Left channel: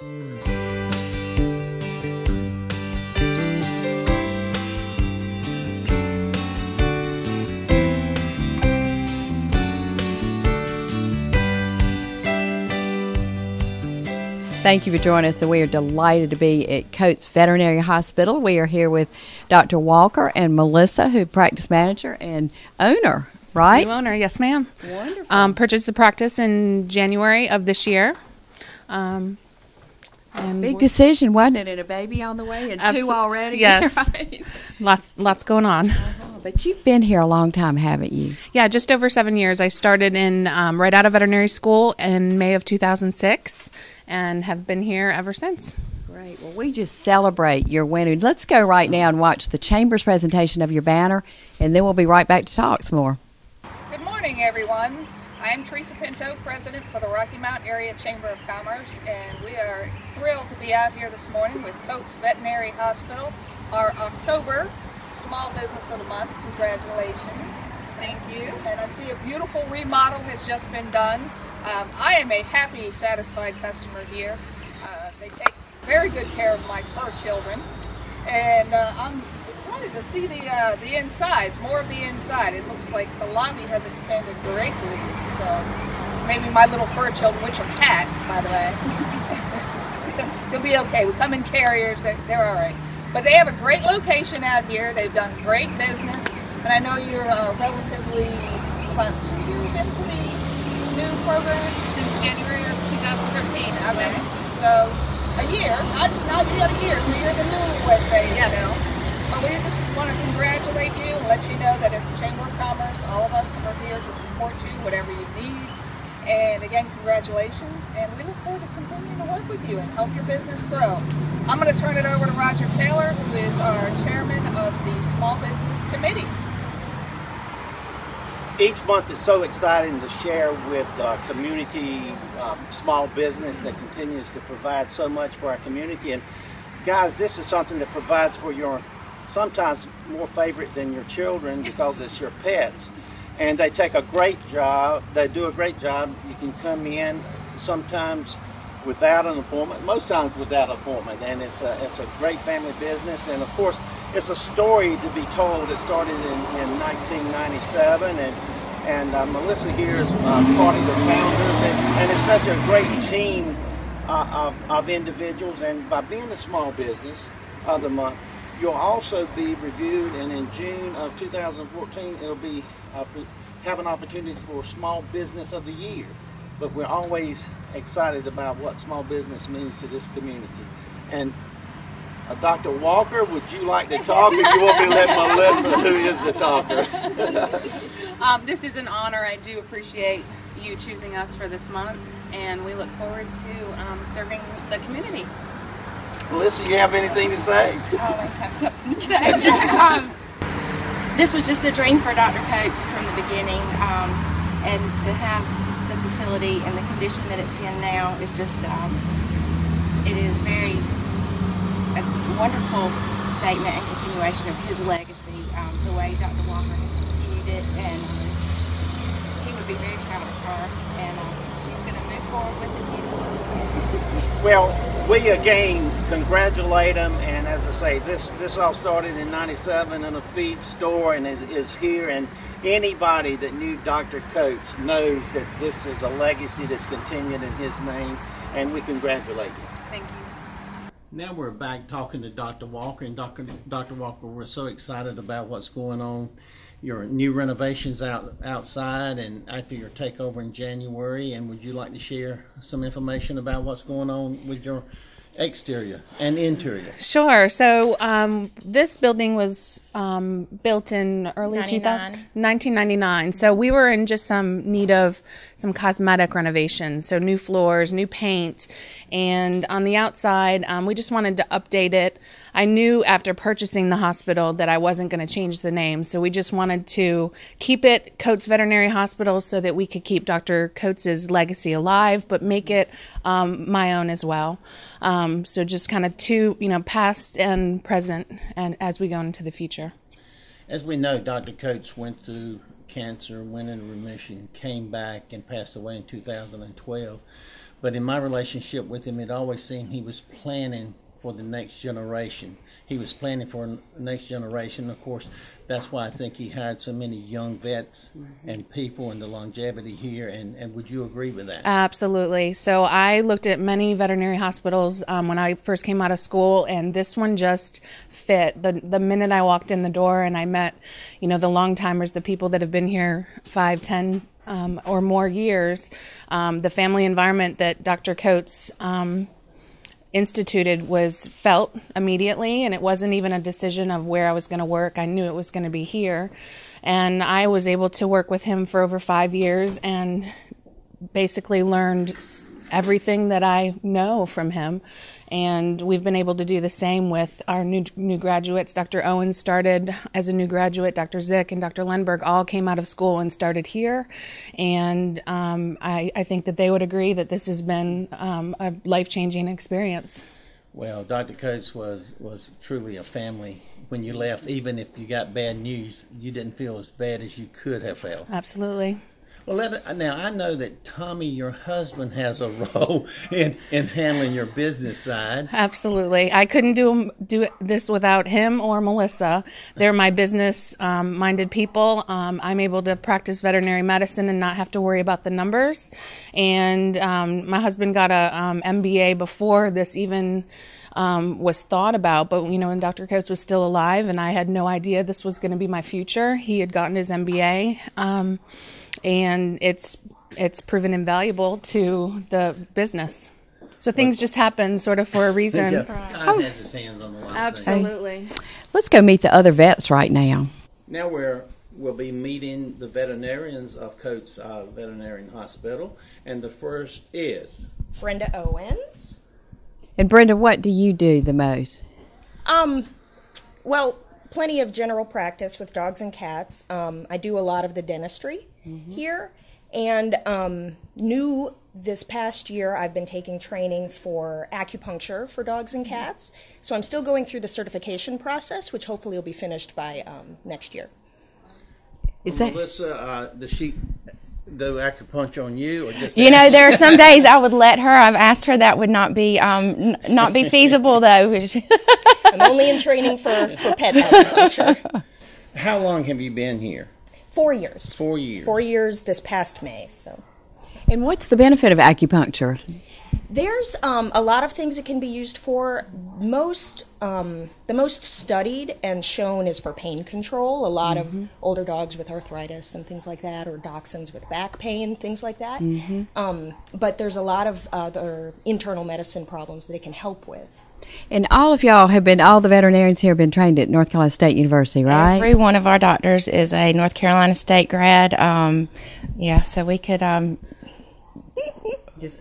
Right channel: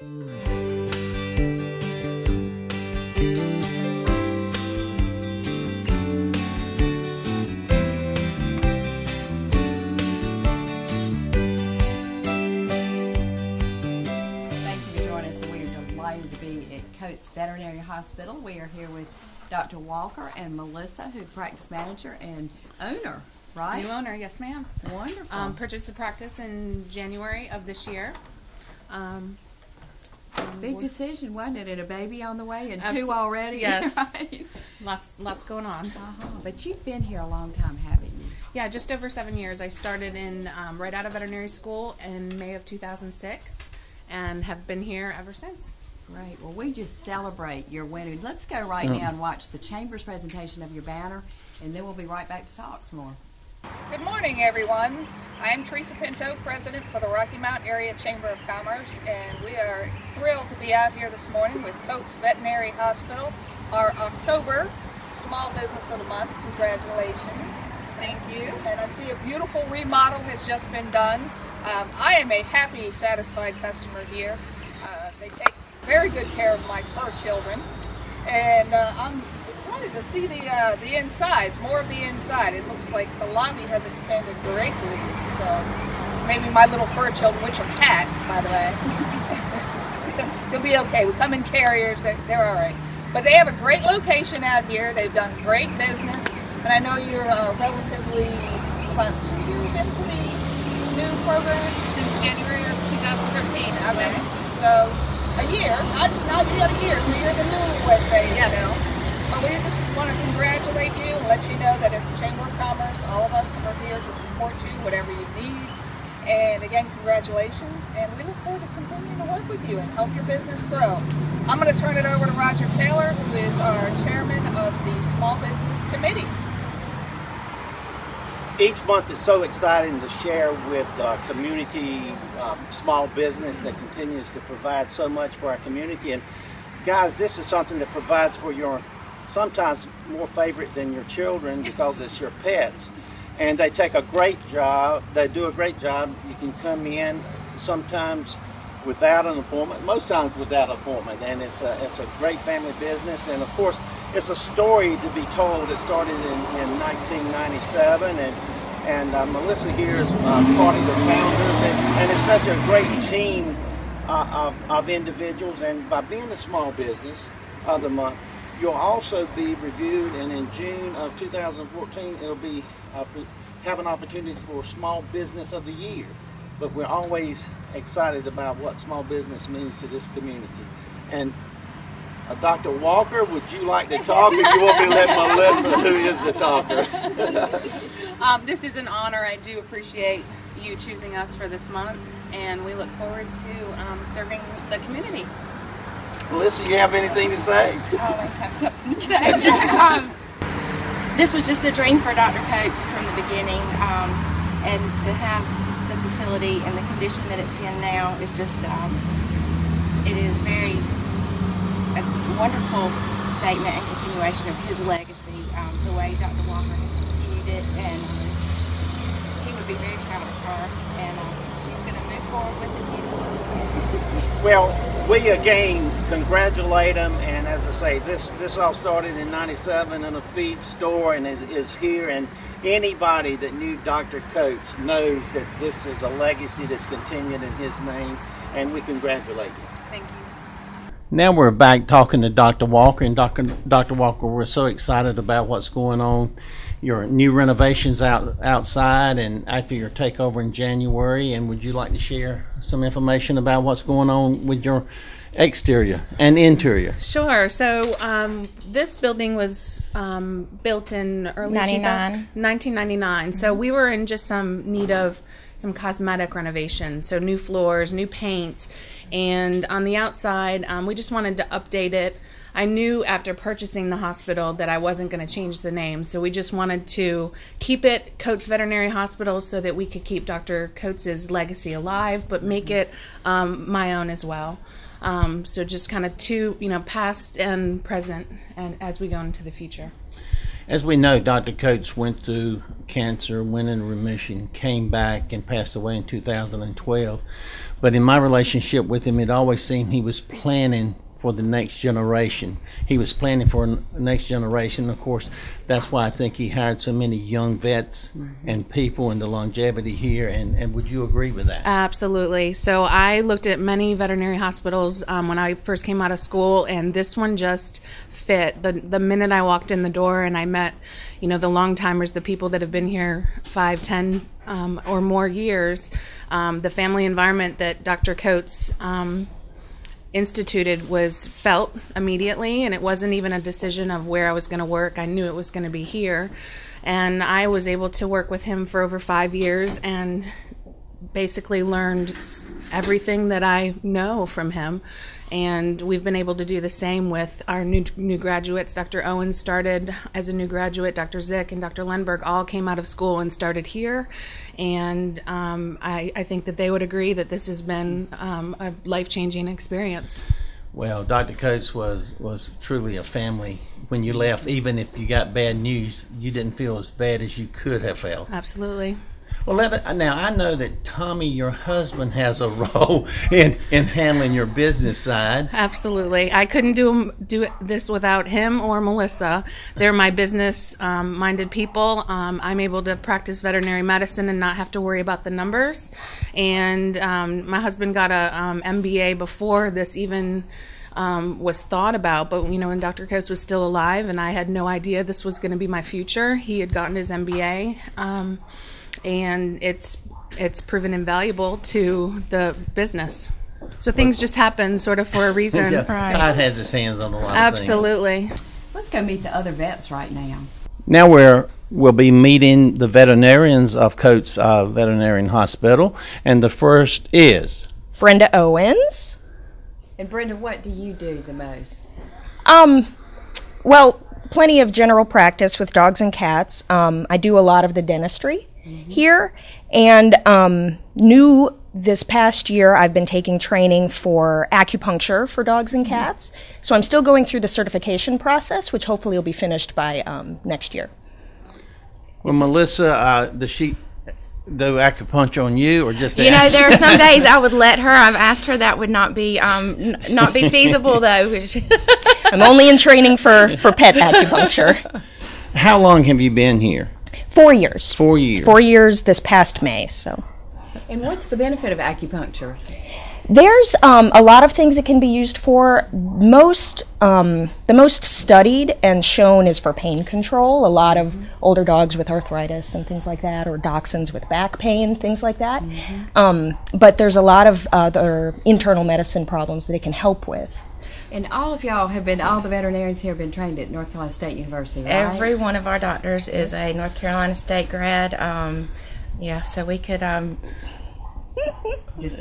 Thank you for joining us. So we are delighted to be at Coates Veterinary Hospital. We are here with Dr. Walker and Melissa, who practice manager and owner, right? New owner, yes, ma'am. Wonderful. Purchased the practice in January of this year. And Big decision, wasn't it? And a baby on the way and two already? Yes. Right. Lots going on. But you've been here a long time, haven't you? Yeah, just over 7 years. I started in right out of veterinary school in May of 2006 and have been here ever since. Great. Well, we just celebrate your winning. Let's go right now and watch the Chamber's presentation of your banner, and then we'll be right back to talk some more. Good morning, everyone. I am Teresa Pinto, President for the Rocky Mount Area Chamber of Commerce, and we are thrilled to be out here this morning with Coates Veterinary Hospital, our October Small Business of the Month. Congratulations. Thank you. And I see a beautiful remodel has just been done. I am a happy, satisfied customer here. They take very good care of my fur children, and I'm excited to see the insides, more of the inside. It looks like the lobby has expanded greatly, so maybe my little fur children, which are cats, by the way, they'll be okay. We come in carriers, they're all right. But they have a great location out here. They've done great business, and I know you're relatively about 2 years into the new program? Since January of 2013. Okay. So a year, not yet a year, so you're in the newlywed phase, yes. You know. But we just want to congratulate you and let you know that as the Chamber of Commerce, all of us are here to support you, whatever you need. And again, congratulations, and we look forward to continuing to work with you and help your business grow. I'm going to turn it over to Roger Taylor, who is our chairman of the Small Business Committee. Each month is so exciting to share with our community, small business that continues to provide so much for our community. And guys, this is something that provides for your sometimes more favorite than your children because it's your pets. And they take a great job. They do a great job. You can come in sometimes without an appointment, most times without an appointment. And it's a great family business. And of course, it's a story to be told. It started in 1997, and Melissa here is part of the founders, and it's such a great team of individuals. And by being a small business of the month, you'll also be reviewed, and in June of 2014, it'll be have an opportunity for Small Business of the Year. But we're always excited about what small business means to this community. And Dr. Walker, would you like to talk, or you want me to let Melissa, who is the talker? This is an honor. I do appreciate you choosing us for this month, and we look forward to serving the community. Melissa, you have anything to say? I always have something to say. This was just a dream for Dr. Coates from the beginning, and to have the facility and the condition that it's in now is just, it is a wonderful statement and continuation of his legacy, the way Dr. Walker has continued it, and he would be very proud of her, and she's going to move forward with it beautifully. Well, we again congratulate them, and as I say, this all started in '97 in a feed store, and is here, and anybody that knew Dr. Coates knows that this is a legacy that's continued in his name, and we congratulate you. Thank you. Now we're back talking to Dr. Walker, and Dr. Walker, we're so excited about what's going on. Your new renovations outside, and after your takeover in January, and would you like to share some information about what's going on with your exterior and interior? Sure. So this building was built in early 1999. So we were in just some need of some cosmetic renovation. So new floors, new paint, and on the outside, we just wanted to update it. I knew after purchasing the hospital that I wasn't going to change the name, so we just wanted to keep it Coates Veterinary Hospital so that we could keep Dr. Coates' legacy alive, but make it my own as well. So just kind of two, past and present, and as we go into the future. As we know, Dr. Coates went through cancer, went into remission, came back, and passed away in 2012. But in my relationship with him, it always seemed he was planning for the next generation. He was planning for the next generation. Of course, that's why I think he hired so many young vets and people, and the longevity here. And would you agree with that? Absolutely. So I looked at many veterinary hospitals when I first came out of school, and this one just fit. The minute I walked in the door and I met, the long timers, the people that have been here 5, 10 or more years, the family environment that Dr. Coates instituted was felt immediately, and it wasn't even a decision of where I was going to work. I knew it was going to be here, and I was able to work with him for over 5 years and basically learned everything that I know from him. And we've been able to do the same with our new graduates. Dr. Owens started as a new graduate. Dr. Zick and Dr. Lundberg all came out of school and started here. And I think that they would agree that this has been a life-changing experience. Well, Dr. Coates was truly a family. When you left, even if you got bad news, you didn't feel as bad as you could have felt. Absolutely. Well, now I know that Tommy, your husband, has a role in handling your business side. Absolutely. I couldn't do this without him or Melissa. They're my business-minded people. I'm able to practice veterinary medicine and not have to worry about the numbers. And my husband got a MBA before this even was thought about, but when Dr. Coates was still alive and I had no idea this was going to be my future, he had gotten his MBA. And it's proven invaluable to the business. So things just happen sort of for a reason. God has his hands on a lot of things. Absolutely. Let's go meet the other vets right now. Now we'll be meeting the veterinarians of Coates Veterinary Hospital, and the first is Brenda Owens. And Brenda, what do you do the most? Well, plenty of general practice with dogs and cats. I do a lot of the dentistry here, and new this past year I've been taking training for acupuncture for dogs and cats. So I'm still going through the certification process, which hopefully will be finished by next year. Well, Melissa, does she do acupuncture on you, or just there are some days I would let her. I've asked her that would not be feasible though. I'm only in training for pet acupuncture. How long have you been here? 4 years. 4 years. 4 years this past May. So. And what's the benefit of acupuncture? There's a lot of things it can be used for. The most studied and shown is for pain control. A lot of older dogs with arthritis and things like that, or dachshunds with back pain, things like that. But there's a lot of other internal medicine problems that it can help with. And all of y'all all the veterinarians here have been trained at North Carolina State University, right? Every one of our doctors is a North Carolina State grad. So we could...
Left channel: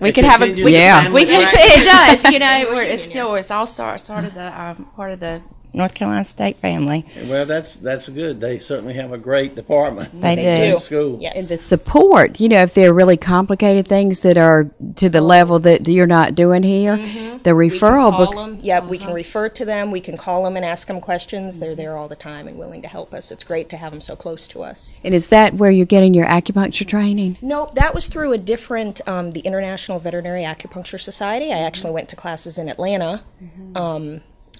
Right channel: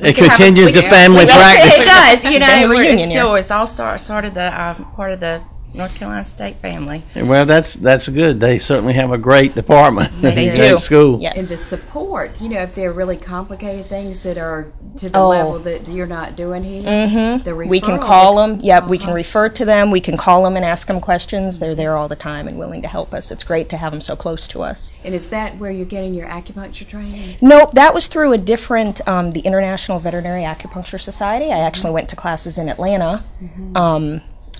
it continues the family practice. It does. It's all sort of the part of the North Carolina State family. Well, that's good. They certainly have a great department. They do. Great school. Yes. And the support, if there are really complicated things that are to the level that you're not doing here, the referral. We can call them. Yep, we can refer to them. We can call them and ask them questions. They're there all the time and willing to help us. It's great to have them so close to us. And is that where you're getting your acupuncture training? Nope, that was through a different, the International Veterinary Acupuncture Society. I actually went to classes in Atlanta.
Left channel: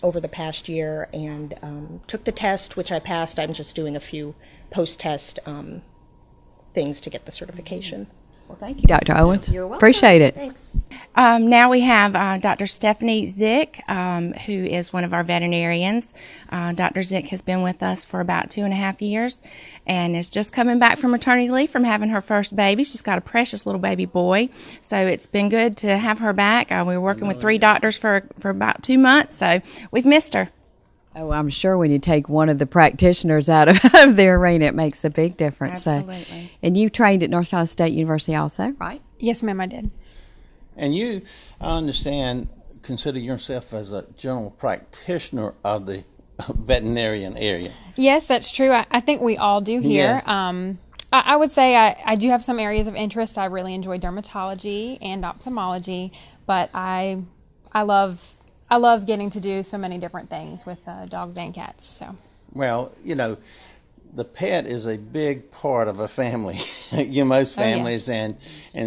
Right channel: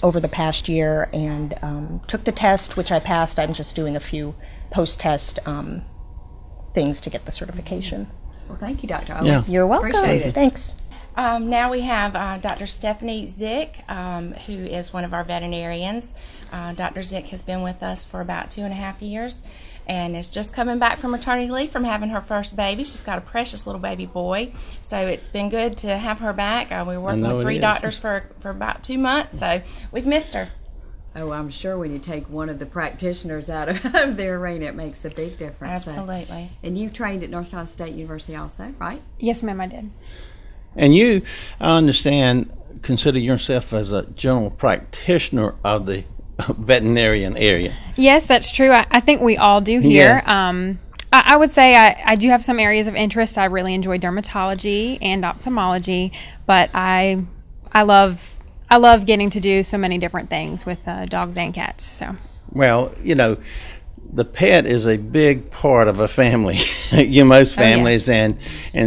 Over the past year, and took the test, which I passed. I'm just doing a few post-test things to get the certification. Well, thank you, Dr. Owens. You're welcome. Appreciate it. Thanks. Now we have Dr. Stephanie Zick, who is one of our veterinarians. Dr. Zick has been with us for about 2.5 years and is just coming back from maternity leave from having her first baby. She's got a precious little baby boy, so it's been good to have her back. We were working with 3 doctors for about 2 months, so we've missed her. Oh, I'm sure when you take one of the practitioners out of the arena, it makes a big difference. Absolutely. So, and you trained at North Carolina State University also, right? Yes, ma'am, I did. And you, I understand, consider yourself as a general practitioner of the veterinarian area. Yes, that's true. I think we all do here. Yeah. I would say I do have some areas of interest. I really enjoy dermatology and ophthalmology, but I love getting to do so many different things with dogs and cats. So. Well, the pet is a big part of a family. Most families, and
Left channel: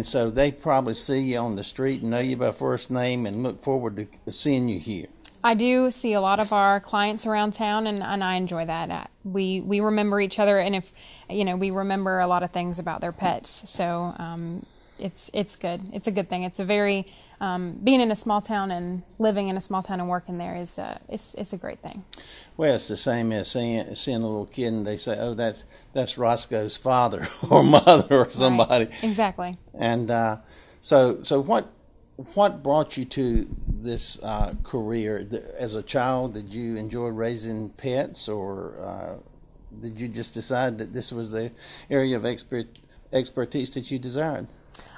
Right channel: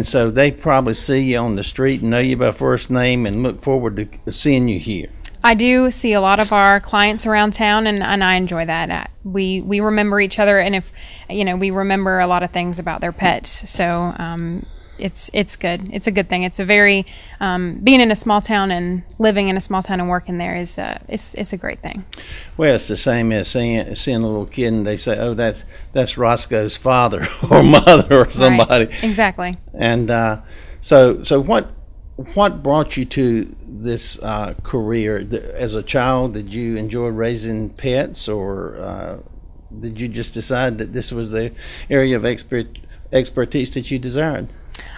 so they probably see you on the street and know you by first name and look forward to seeing you here. I do see a lot of our clients around town, and I enjoy that. We remember each other, and if we remember a lot of things about their pets. So it's good. It's a good thing. It's a very being in a small town and living in a small town and working there is it's a great thing. Well, it's the same as seeing a little kid and they say, "Oh, that's Roscoe's father or mother or somebody." Right. Exactly. And so what brought you to this career? As a child, did you enjoy raising pets, or did you just decide that this was the area of expertise that you desired?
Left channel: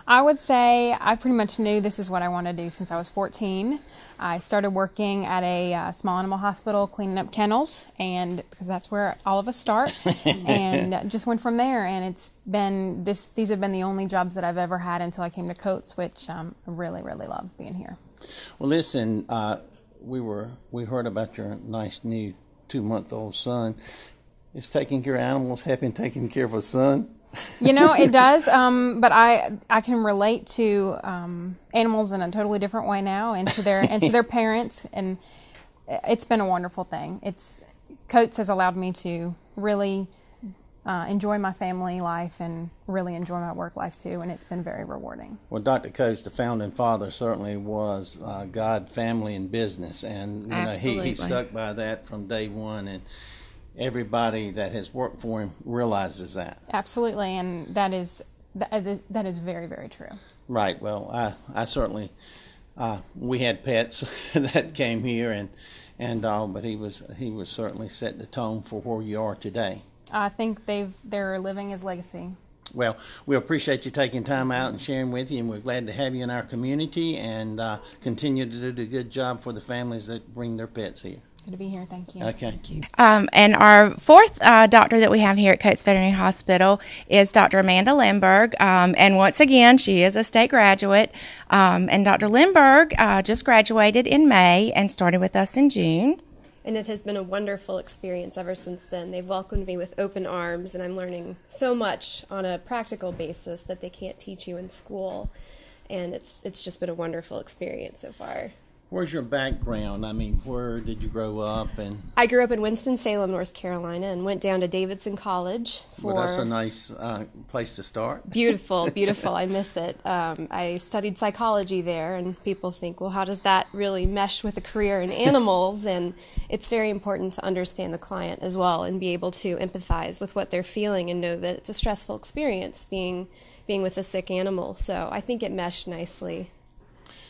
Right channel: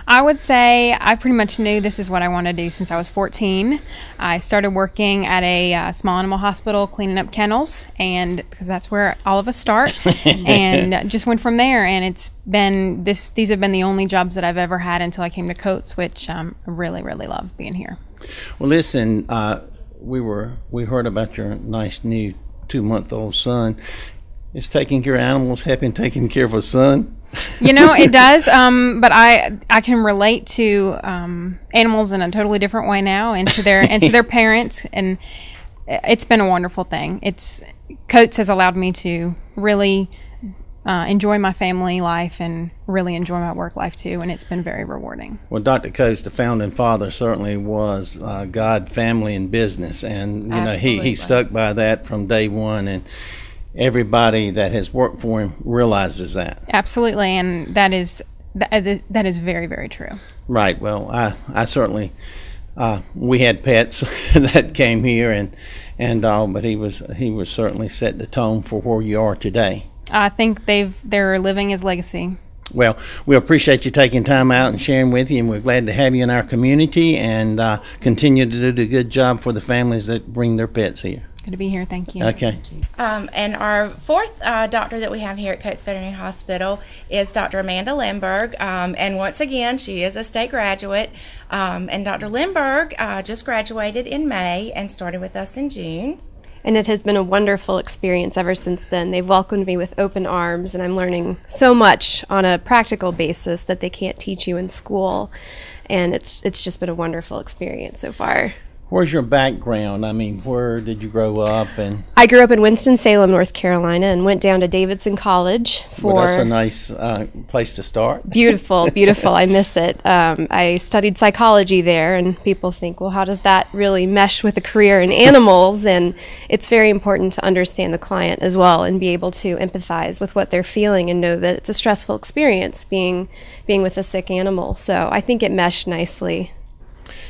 I would say I pretty much knew this is what I wanted to do since I was 14. I started working at a small animal hospital cleaning up kennels, and because that's where all of us start, and just went from there. And it's been these have been the only jobs that I've ever had until I came to Coates, which I really, really love being here. Well, listen, we heard about your nice new 2-month-old son. Is taking care of animals helping taking care of a son? It does, but I can relate to animals in a totally different way now, and to their parents, and it's been a wonderful thing. Coates has allowed me to really enjoy my family life and really enjoy my work life too, and it's been very rewarding. Well, Dr. Coates, the founding father, certainly was God, family, and business, and he stuck by that from day one, and everybody that has worked for him realizes that. Absolutely, and that is very, very true. Right. Well, I certainly we had pets that came here and all, but he was certainly set the tone for where you are today. I think they're living his legacy. Well, we appreciate you taking time out and sharing with you, and we're glad to have you in our community, and continue to do the good job for the families that bring their pets here. Good to be here. Thank you. Okay. And our fourth doctor that we have here at Coates Veterinary Hospital is Dr. Amanda Lindberg. And once again, she is a state graduate. And Dr. Lindberg just graduated in May and started with us in June. And it has been a wonderful experience ever since then. They've welcomed me with open arms, and I'm learning so much on a practical basis that they can't teach you in school. And it's just been a wonderful experience so far. Where's your background? I mean, where did you grow up? And I grew up in Winston-Salem, North Carolina, and went down to Davidson College for... Well, that's a nice place to start. Beautiful, beautiful. I miss it. I studied psychology there, and people think, well, how does that really mesh with a career in animals? And it's very important to understand the client as well and be able to empathize with what they're feeling and know that it's a stressful experience being with a sick animal. So I think it meshed nicely.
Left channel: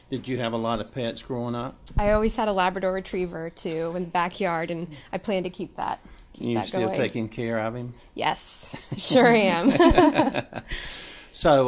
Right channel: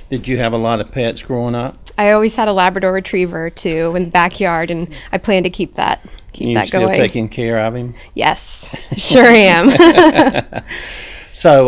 Did you have a lot of pets growing up? I always had a Labrador Retriever, too, in the backyard, and I plan to keep that going. You still taking care of him? Yes, sure am. So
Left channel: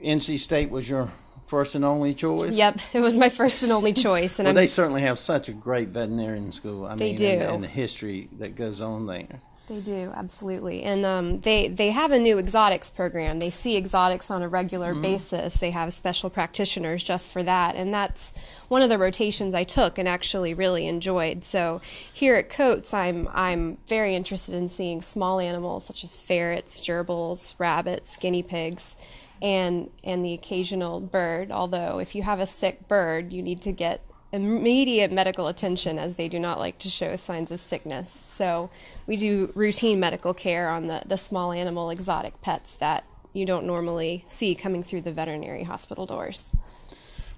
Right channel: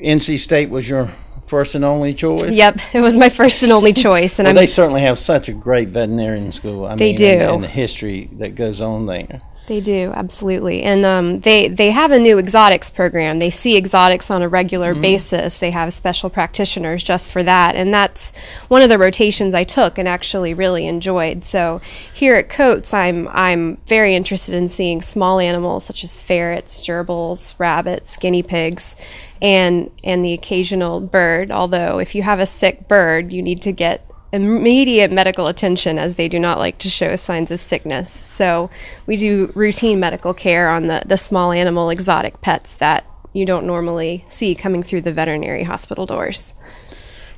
NC State was your first and only choice? Yep, it was my first and only choice. And they certainly have such a great veterinarian school. They do. And the history that goes on there. They do, absolutely. And they have a new exotics program. They see exotics on a regular basis. They have special practitioners just for that. And that's one of the rotations I took and actually really enjoyed. So here at Coates, I'm very interested in seeing small animals such as ferrets, gerbils, rabbits, guinea pigs, and the occasional bird. Although if you have a sick bird, you need to get immediate medical attention, as they do not like to show signs of sickness. So we do routine medical care on the small animal exotic pets that you don't normally see coming through the veterinary hospital doors.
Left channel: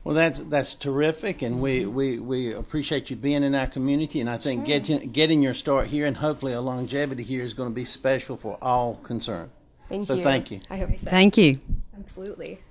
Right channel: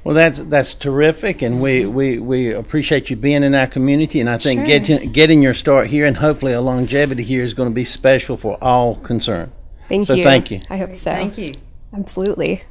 Well, that's terrific, and we appreciate you being in our community, and I think getting your start here and hopefully a longevity here is going to be special for all concerned. Thank you. So thank you. I hope so. Thank you. Absolutely.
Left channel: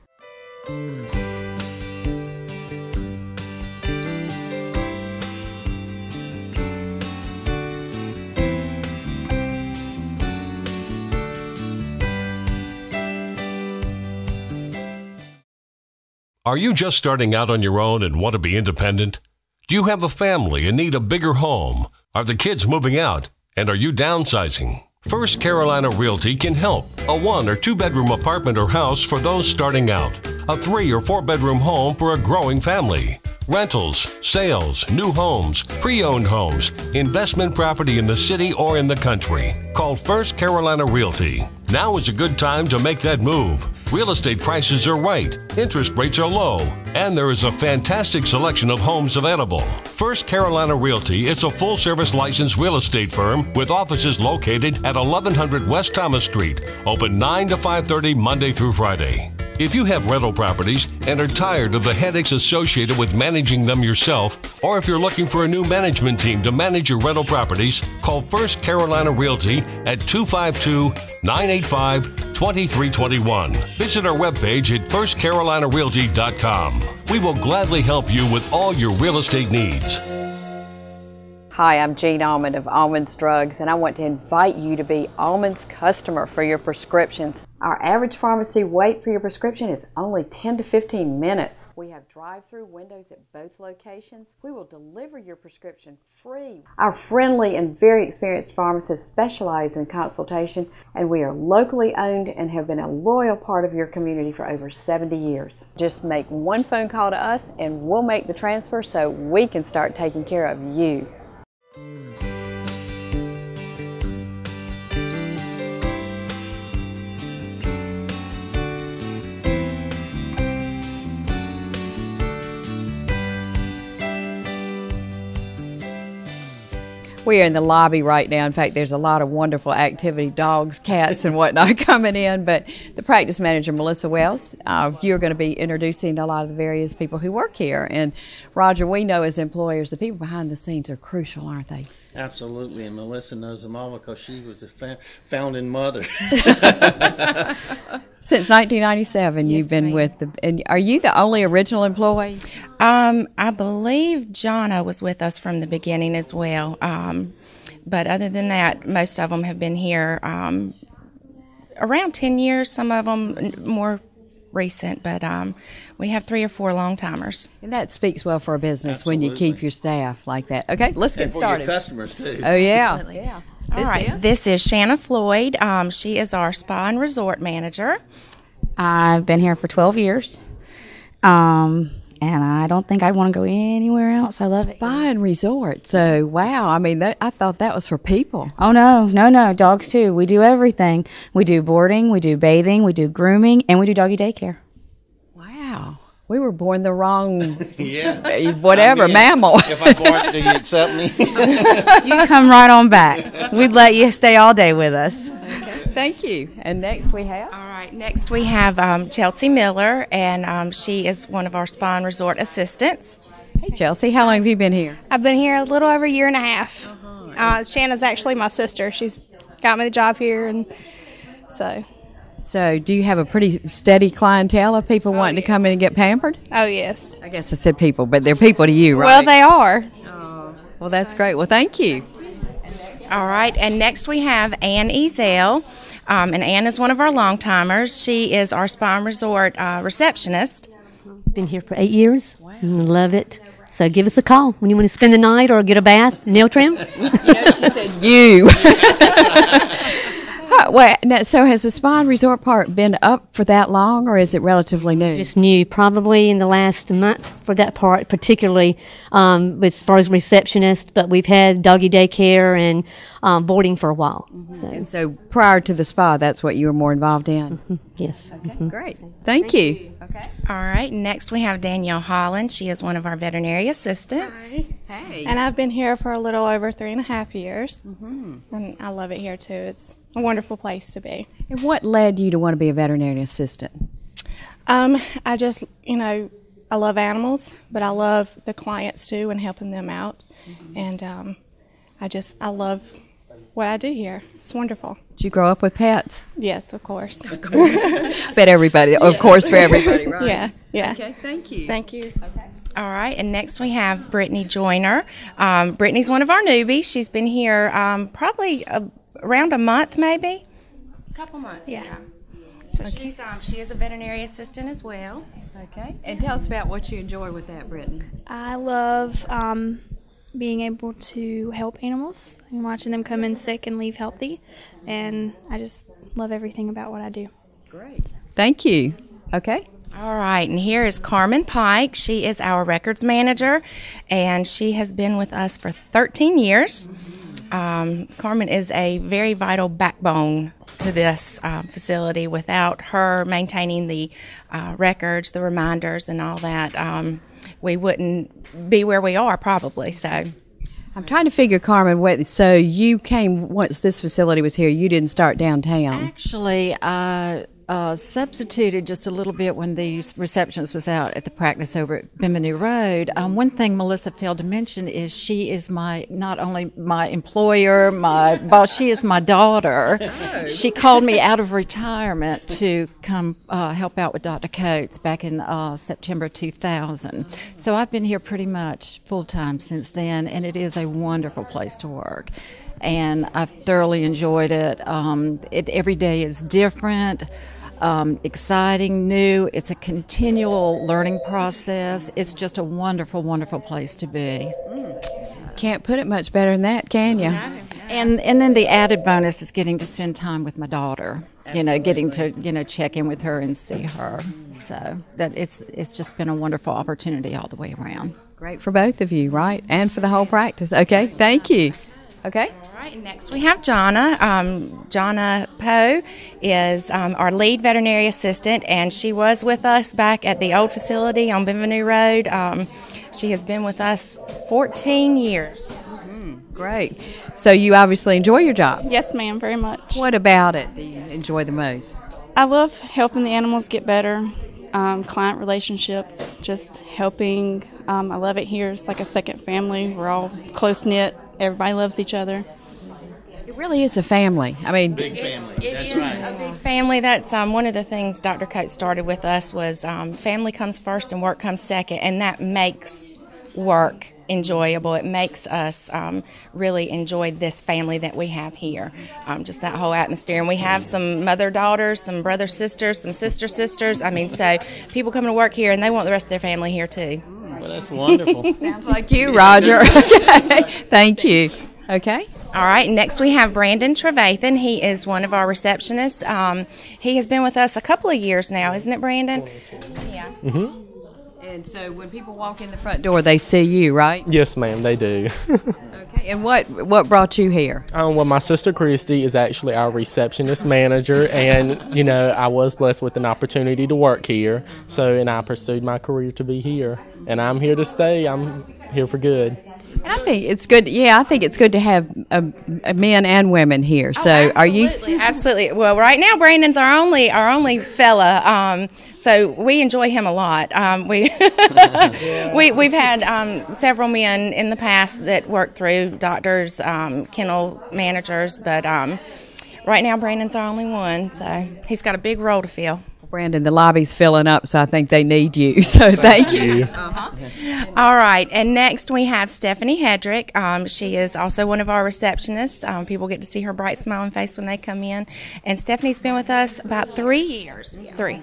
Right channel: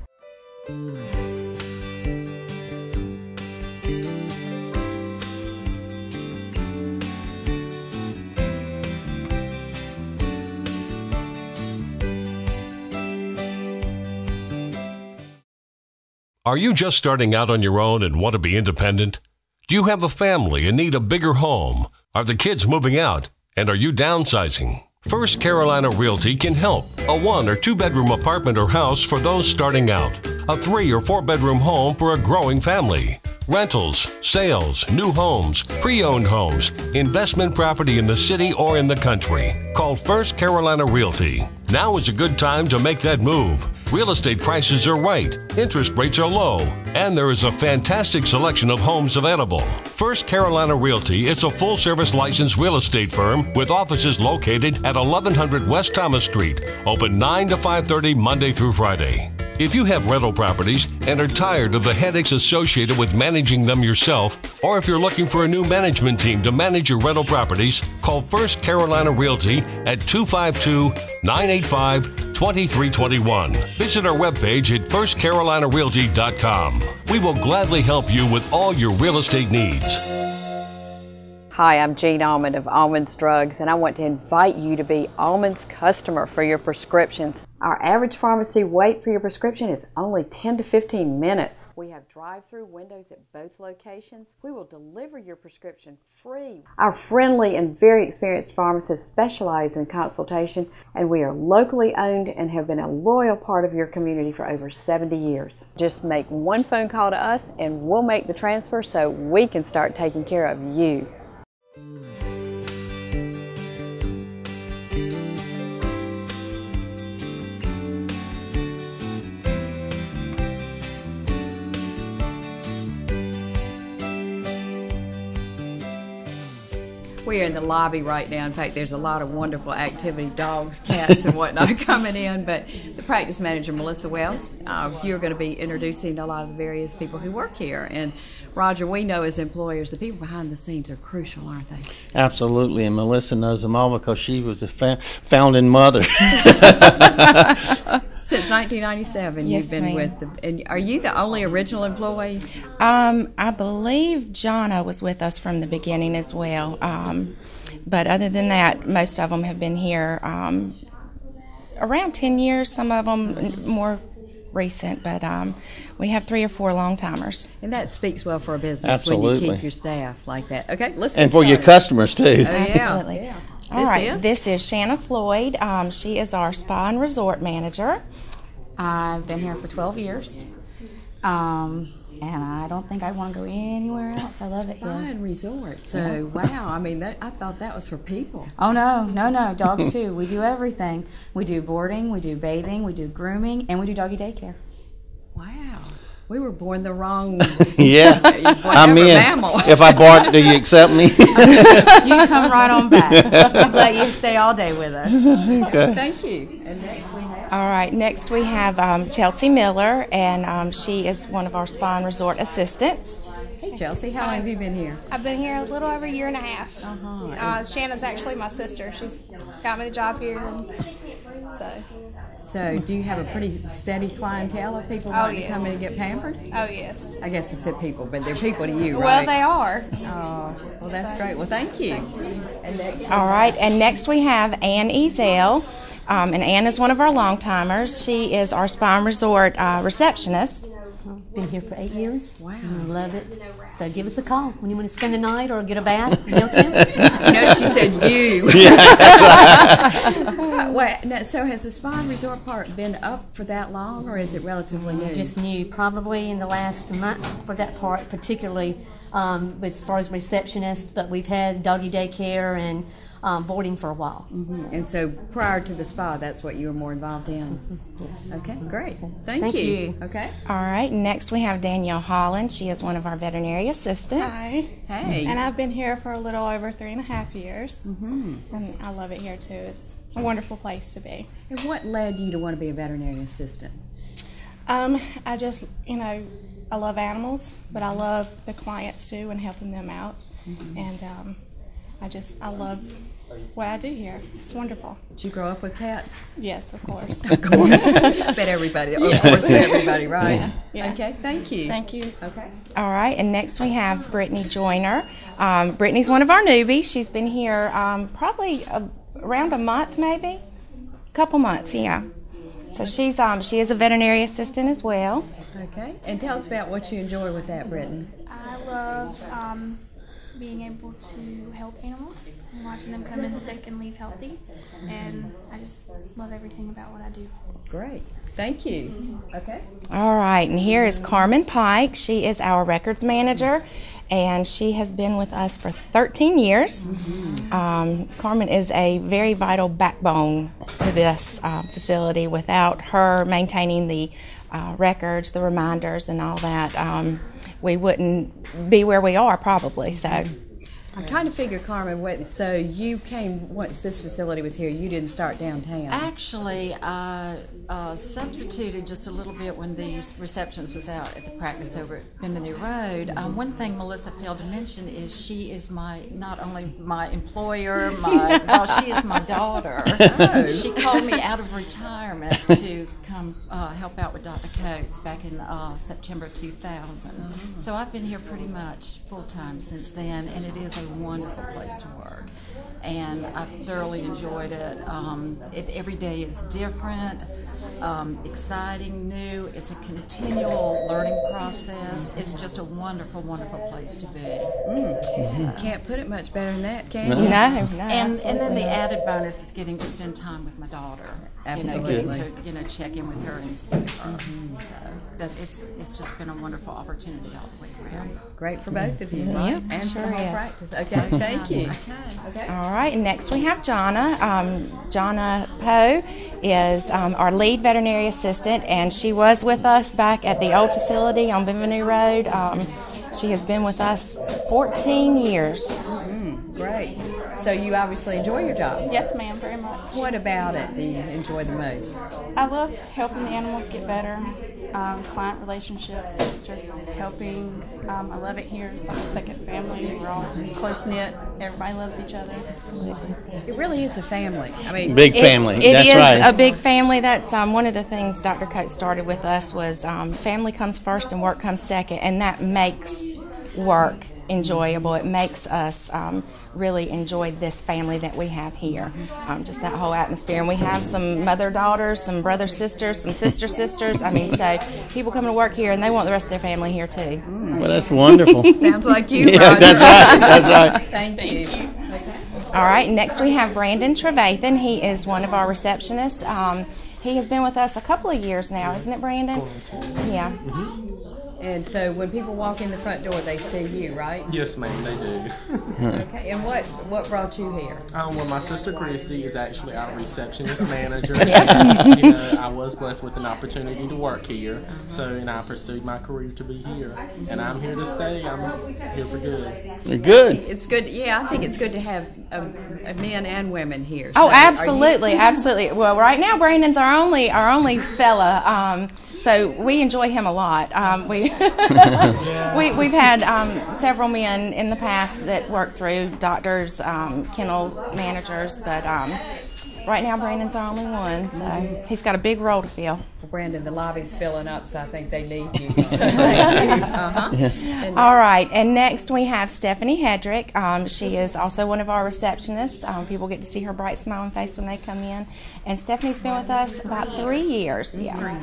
Are you just starting out on your own and want to be independent? Do you have a family and need a bigger home? Are the kids moving out? And are you downsizing? First Carolina Realty can help. A 1- or 2-bedroom apartment or house for those starting out. A 3- or 4-bedroom home for a growing family. rentals, sales, new homes, pre-owned homes, investment property in the city or in the country. Call First Carolina Realty. Now is a good time to make that move. Real estate prices are right, interest rates are low, and there is a fantastic selection of homes available. First Carolina Realty is a full-service licensed real estate firm with offices located at 1100 West Thomas Street, open 9 to 5:30 Monday through Friday. If you have rental properties and are tired of the headaches associated with managing them yourself, or if you're looking for a new management team to manage your rental properties, call First Carolina Realty at 252-985-2321. Visit our webpage at firstcarolinarealty.com. We will gladly help you with all your real estate needs. Hi, I'm Jean Almond of Almond's Drugs, and I want to invite you to be Almond's customer for your prescriptions. Our average pharmacy wait for your prescription is only 10 to 15 minutes. We have drive-through windows at both locations. We will deliver your prescription free. Our friendly and very experienced pharmacists specialize in consultation, and we are locally owned and have been a loyal part of your community for over 70 years. Just make one phone call to us and we'll make the transfer so we can start taking care of you. We are in the lobby right now. In fact, there's a lot of wonderful activity, dogs, cats, and whatnot coming in. But the practice manager, Melissa Wells, you're going to be introducing a lot of the various people who work here. And Roger, we know as employers, the people behind the scenes are crucial, aren't they? Absolutely, and Melissa knows them all because she was the founding mother. Since 1997, Yes, you've been ma'am. with the. And are you the only original employee? I believe Jonna was with us from the beginning as well. But other than that, most of them have been here around 10 years, some of them more recent, but we have 3 or 4 long-timers. And that speaks well for a business when you Absolutely. keep your staff like that. Okay, let's get And for started. your customers, too. Oh, yeah. Absolutely. Yeah. All right, this is Shanna Floyd. She is our spa and resort manager. I've been here for 12 years, and I don't think I'd want to go anywhere else. I love it. Spa and resort. So, wow. I mean, I thought that was for people. Oh, no. Dogs, too. We do everything. We do boarding, we do bathing, we do grooming, and we do doggy daycare. Wow. We were born the wrong, Yeah. whatever, mammal. If I bark, do you accept me? You come right on back. We'd let you stay all day with us. Thank you. And next we have? All right, next we have Chelsea Miller, and she is one of our spa and resort assistants. Hey, Chelsea, how long have you been here? I've been here a little over a year and a half. Shanna's actually my sister. She's got me the job here, and so. So, do you have a pretty steady clientele of people wanting to come in and get pampered? Oh, yes. I guess I said people, but they're people to you, right? Well, they are. Well, that's great. Well, thank you. All right, and next we have Ann Ezel, and Ann is one of our long-timers. She is our spa and resort receptionist. Been here for 8 years. Love it. So give us a call when you want to spend the night or get a bath, nail trim. She said you. Wait, now, so has the spa and resort part been up for that long, or is it relatively new? Just new, probably in the last month for that part, particularly as far as receptionist. But we've had doggy daycare and boarding for a while. So. And so prior to the spa, that's what you were more involved in? Yes. Okay, great. Thank you. Okay. All right, next we have Danielle Holland. She is one of our veterinary assistants. Hi. Hey. And I've been here for a little over 3.5 years. And I love it here, too. It's a wonderful place to be. And what led you to want to be a veterinary assistant? I just, I love animals, but I love the clients, too, and helping them out. And I love what I do here. It's wonderful. Did you grow up with pets? Yes, of course. Of course. But everybody, of course, for everybody, right? Yeah. Okay, thank you. Thank you. Okay. All right, and next we have Brittany Joyner. Brittany's one of our newbies. She's been here probably around a month, maybe, a couple months. Yeah. So she is a veterinary assistant as well. Okay. And tell us about what you enjoy with that, Brittany. I love being able to help animals and watching them come in sick and leave healthy, and I just love everything about what I do. Great. Thank you. Okay. All right, and here is Carmen Pike. She is our records manager, and she has been with us for 13 years. Carmen is a very vital backbone to this facility. Without her maintaining the records, the reminders, and all that, we wouldn't be where we are probably. So I'm trying to figure, Carmen, so you came once this facility was here. You didn't start downtown. Actually, I substituted just a little bit when the receptionist was out at the practice over at Bimini Road. One thing Melissa failed to mention is she is not only my employer, she is my daughter. Oh. She called me out of retirement to come help out with Dr. Coates back in September 2000. So I've been here pretty much full-time since then, and it is a wonderful place to work. And I've thoroughly enjoyed it. Every day is different. Exciting, new. It's a continual learning process. It's just a wonderful, wonderful place to be. Can't put it much better than that, can you? No. And then the added bonus is getting to spend time with my daughter. Absolutely. Getting to check in with her and see her. So that it's just been a wonderful opportunity all the way around. Great for both of you, right? And for the whole practice. Okay, thank you. Okay. All right, and next we have Jonna. Jonna Poe is our lead veterinary assistant, and she was with us back at the old facility on Bimini Road. She has been with us 14 years. Great. So you obviously enjoy your job? Yes, ma'am, very much. What about it do you enjoy the most? I love helping the animals get better. Client relationships, just helping. I love it here. It's like a second family. We're all close-knit. Everybody loves each other. It really is a family. I mean, big family. It is a big family. That's one of the things Dr. Coates started with us was family comes first and work comes second, and that makes work enjoyable. It makes us really enjoy this family that we have here, just that whole atmosphere. And we have some mother-daughters, some brother-sisters, some sister-sisters. I mean, so people come to work here and they want the rest of their family here too. Well, that's wonderful. Sounds like you, Roger. Yeah, that's right. That's right. Thank you. Okay. All right, next we have Brandon Trevathan. He is one of our receptionists. He has been with us a couple of years now, isn't it, Brandon? Yeah. Mm-hmm. And so when people walk in the front door, they see you, right? Yes, ma'am, they do. Okay. And what brought you here? Well, my sister Christy is actually our receptionist manager, and I was blessed with an opportunity to work here. And I pursued my career to be here, and I'm here to stay. I'm here for good. Good. I think it's good. Yeah, I think it's good to have men and women here. So absolutely, absolutely. Well, right now Brandon's our only fella. So we enjoy him a lot. We've had several men in the past that worked through doctors, kennel managers, but right now Brandon's our only one. So he's got a big role to fill. Brandon, the lobby's filling up, so I think they need you. So thank you. All right, and next we have Stephanie Hedrick. She is also one of our receptionists. People get to see her bright smiling face when they come in. And Stephanie's been with us about 3 years. Yeah. 3.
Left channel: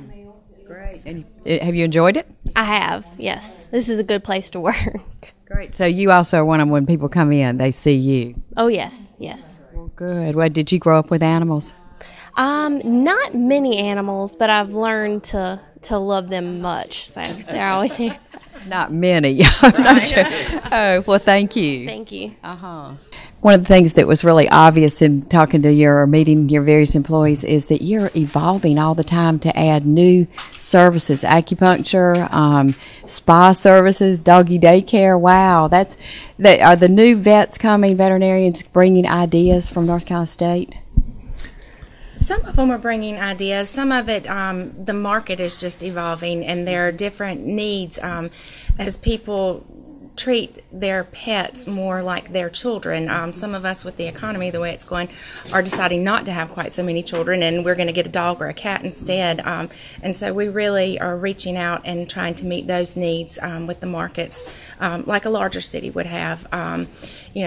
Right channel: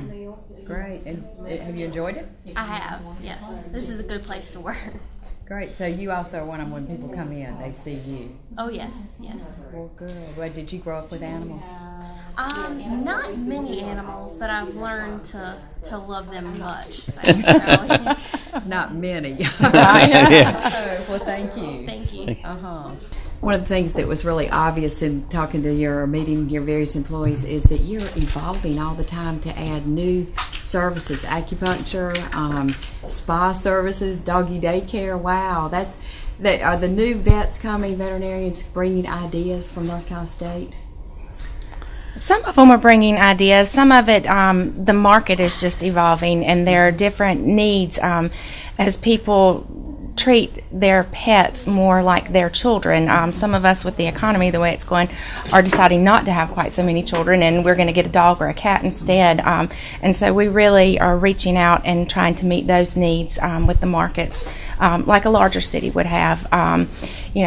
Great. And have you enjoyed it? I have, yes. This is a good place to work. Great. So you also are one of them, when people come in, they see you. Oh, yes, yes. Well, good. Well, did you grow up with animals? Not many animals, but I've learned to love them much. So Not many. Oh, well, thank you. Thank you. One of the things that was really obvious in talking to or meeting your various employees is that you're evolving all the time to add new services, acupuncture, spa services, doggy daycare. Wow, are the new vets coming, veterinarians bringing ideas from North Carolina State? Some of them are bringing ideas. Some of it, the market is just evolving, and there are different needs as people treat their pets more like their children. Some of us, with the economy the way it's going, are deciding not to have quite so many children, and we're going to get a dog or a cat instead. And so we really are reaching out and trying to meet those needs with the markets. Like a larger city would have.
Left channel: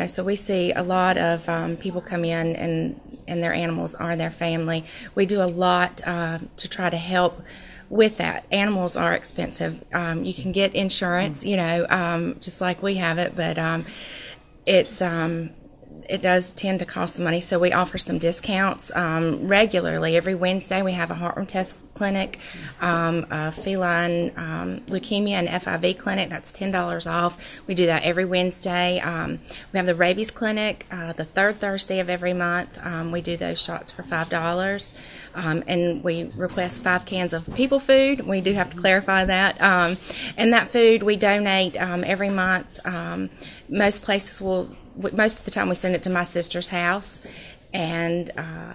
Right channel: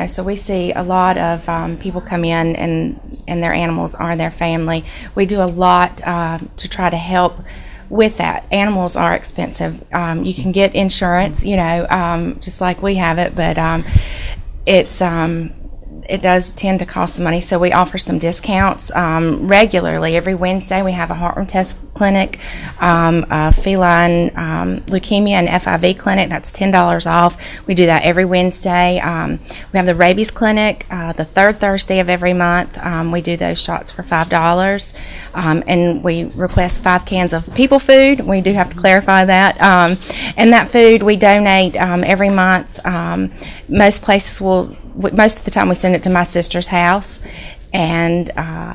So we see a lot of people come in and their animals are their family. We do a lot to try to help with that. Animals are expensive. You can get insurance, just like we have it, but it's it does tend to cost some money, so we offer some discounts regularly. Every Wednesday we have a heartworm test clinic, a feline leukemia and FIV clinic. That's $10 off. We do that every Wednesday. We have the rabies clinic the third Thursday of every month. We do those shots for $5, and we request 5 cans of people food. We do have to clarify that. And that food we donate every month. Most places will. Most of the time we send it to my sister's house, and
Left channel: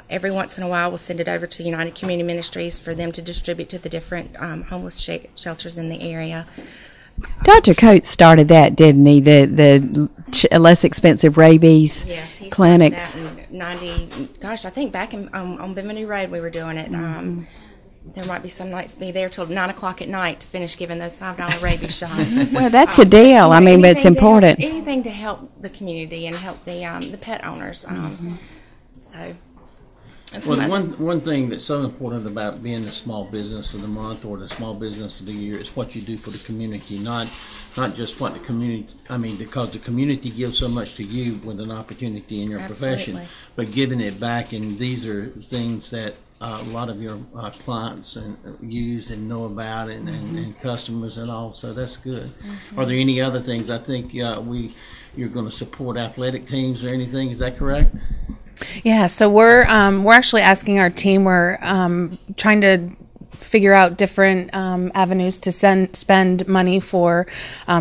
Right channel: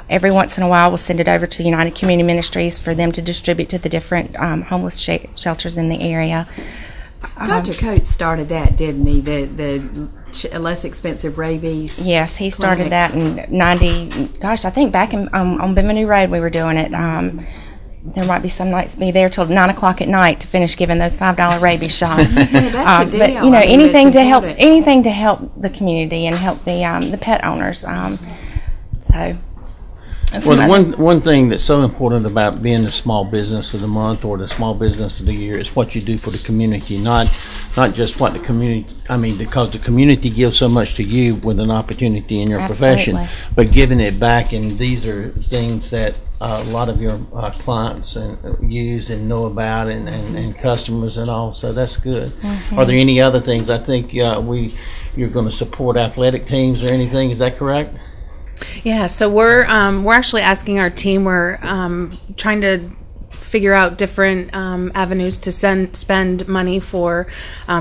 every once in a while we'll send it over to United Community Ministries for them to distribute to the different homeless shelters in the area. Dr. Coates started that, didn't he? The less expensive rabies. Yes, he clinics. started that in 90. Gosh, I think back on Bimini Road we were doing it. There might be some nights be there till 9 o'clock at night to finish giving those $5 rabies shots. Yeah, that's a deal. But, I mean, it's important. Anything to help the community and help the pet owners. So. Well, one thing that's so important about being the small business of the month or the small business of the year is what you do for the community, not just what the community. I mean, because the community gives so much to you with an opportunity in your profession, but giving it back. And these are things that a lot of your clients use and know about, and customers and all. So that's good. Are there any other things? I think you're going to support athletic teams or anything. Is that correct? Yeah, so we're actually asking our team. We're trying to figure out different avenues to spend money for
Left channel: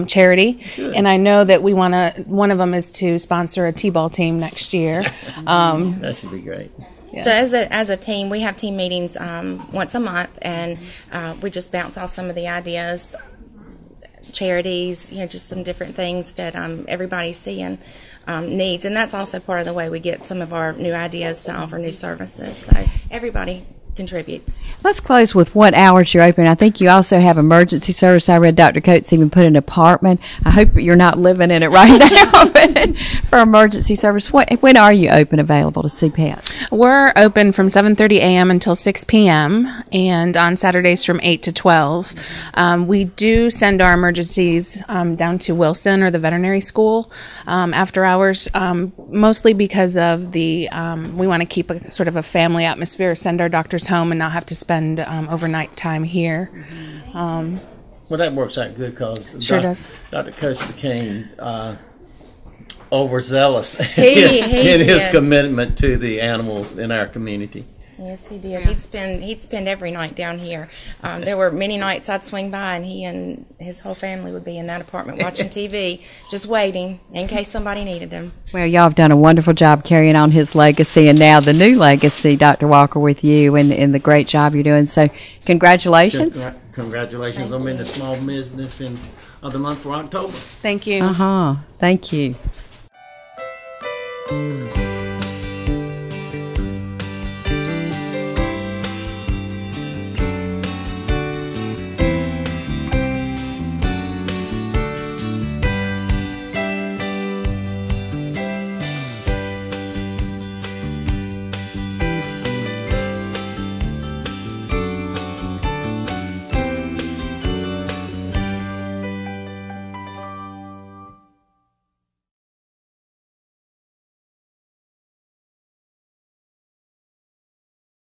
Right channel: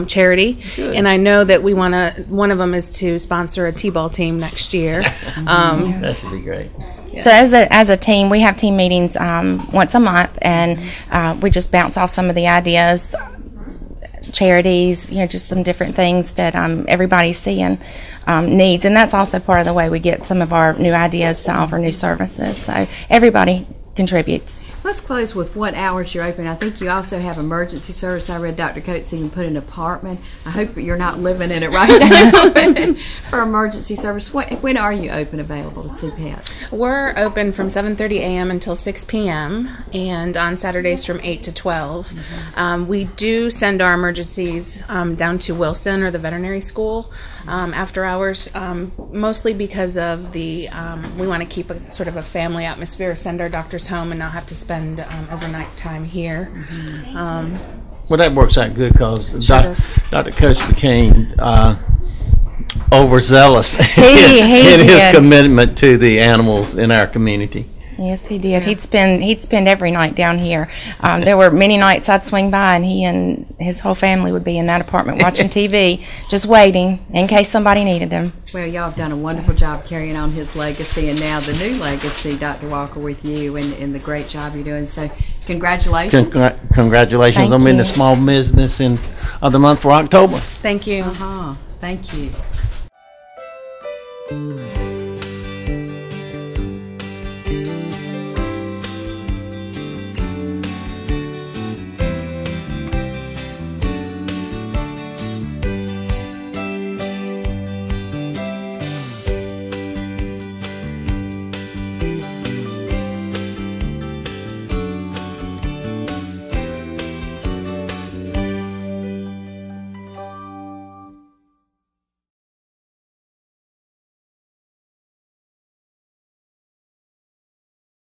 charity, and I know that we want to. One of them is to sponsor a T-ball team next year. That should be great. Yeah. So as a team, we have team meetings once a month, and we just bounce off some of the ideas, charities, just some different things that everybody's seeing needs, and that's also part of the way we get some of our new ideas to offer new services. So everybody contributes. Let's close with what hours you're open. I think you also have emergency service. I read Dr. Coates even put an apartment. I hope you're not living in it right now for emergency service. When are you open, available to see pets? We're open from 7:30 a.m. until 6 p.m. and on Saturdays from 8 to 12. We do send our emergencies down to Wilson or the veterinary school after hours, mostly because of the we want to keep a sort of a family atmosphere, send our doctors home and not have to spend overnight time here. Well, that works out good because Dr. Coates became overzealous in his commitment to the animals in our community. Yes, he did. He'd spend every night down here. There were many nights I'd swing by, and he and his whole family would be in that apartment watching TV, just waiting in case somebody needed him. Well, y'all have done a wonderful job carrying on his legacy, and now the new legacy, Dr. Walker, with you, and the great job you're doing. So, congratulations! Congratulations on being the small business of the month for October. Thank you. Thank you.